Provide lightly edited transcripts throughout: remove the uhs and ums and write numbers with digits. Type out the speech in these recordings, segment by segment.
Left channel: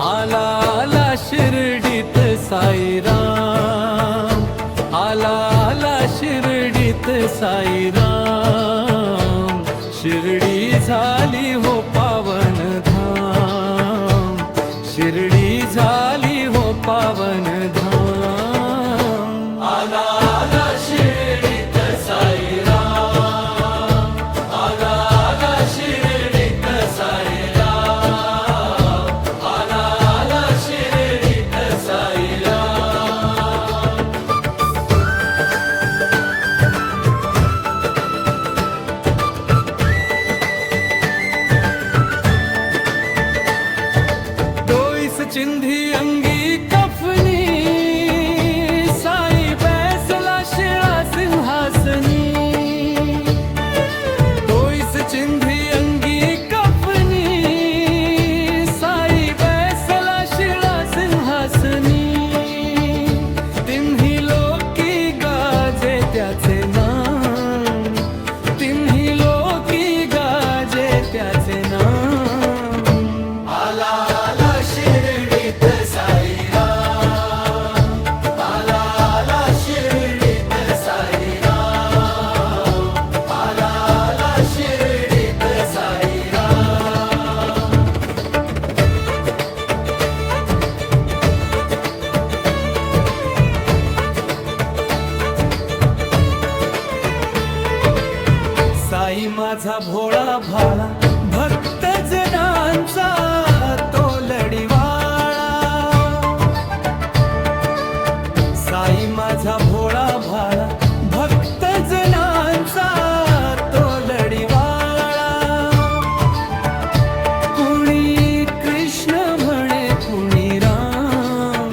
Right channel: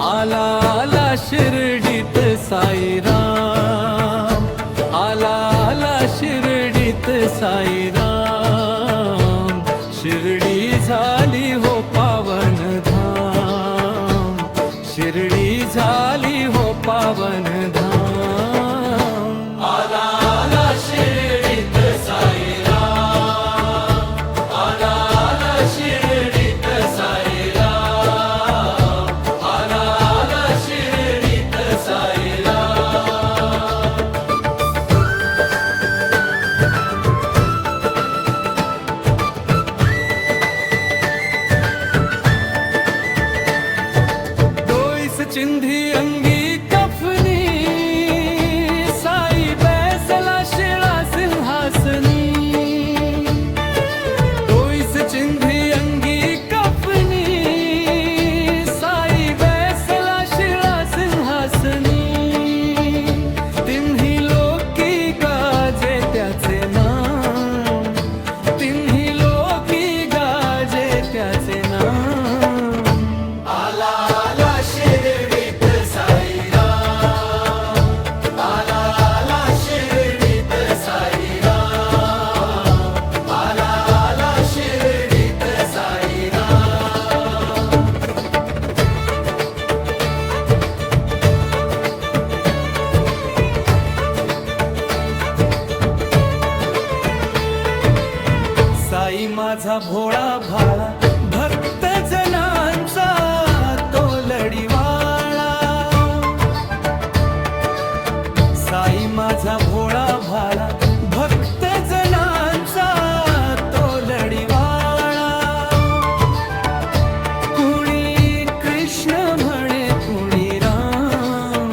आला आला शिर्डीत साईराम, आला आला शिर्डीत साईराम, शिर्डी झाली हो पावन धाम, शिर्डी झाली हो पावन धाम। आला आला शिर्डीत साईराम, आला आला शिर्डीत साईराम, आला आला शिर्डीत साईराम। डोईस चिंधी अंगी कफनी, साई बैसला शिळा सिंहासनी। डोईस चिंधी अंगी कफनी, साई बैसला शिळा सिंहासनी। तिन्ही लोकी गाजे त्याचे नाम, तिन्ही लोकी गाजे त्याचे नाम। आला आला शिर्डीत साईराम, आला आला शिर्डीत साईराम, आला आला शिर्डीत साईराम। साई माझा भोळा भाळा, भक्त जनांचा तो लढीवाळा। साई माझा भोळा भाळा, भक्त जनांचा तो लढीवाळा। कुणी कृष्ण म्हणे कुणी राम,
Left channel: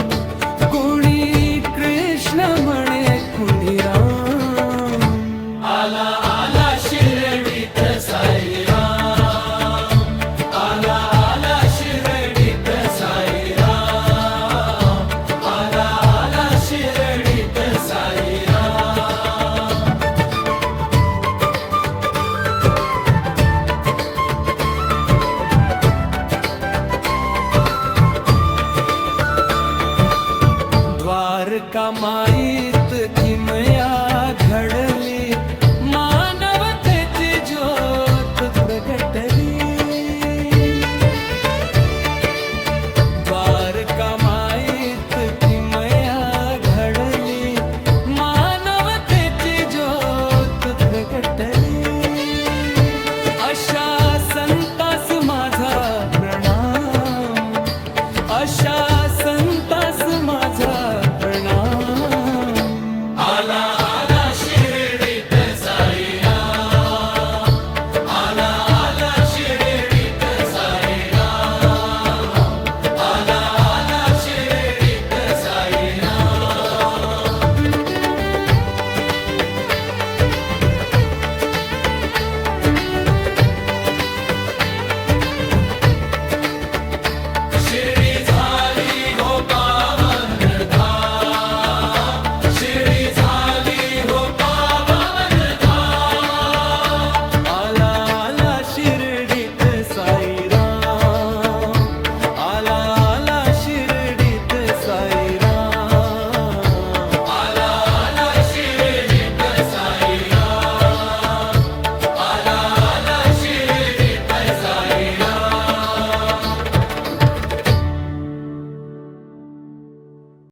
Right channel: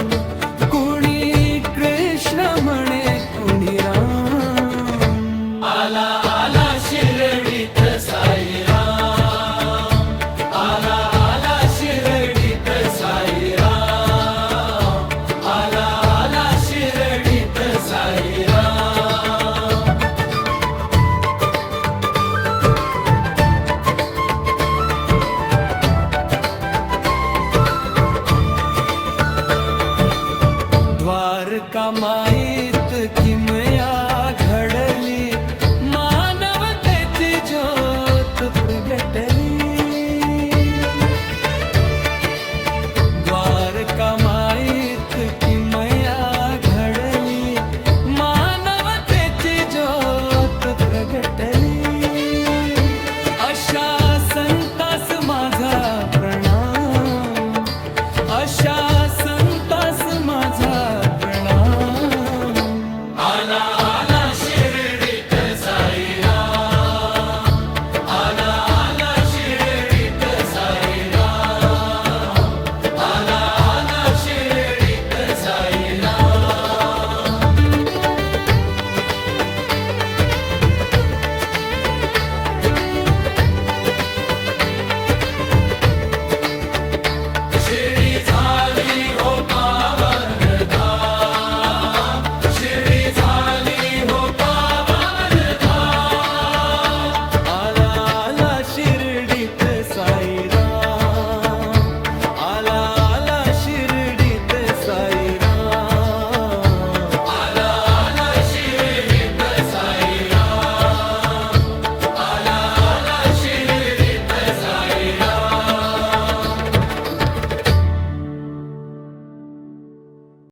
कुणी कृष्ण म्हणे कुणी राम। आला आला शिर्डीत साईराम, आला आला शिर्डीत साईराम, आला आला शिर्डीत साईराम। द्वारका माईत किमया घडली, मानवतेची ज्योत प्रगटली। द्वारका माईत किमया घडली, मानवतेची ज्योत प्रगटली। अशा संतास माझा प्रणाम, अशा संतास माझा प्रणाम। आला आला शिर्डीत साईराम, आला आला शिर्डीत साईराम, आला आला शिर्डीत साईराम। शिर्डी झाली हो पावन धाम, शिर्डी झाली हो पावन धाम। आला आला शिर्डीत साईराम, आला आला शिर्डीत साईराम।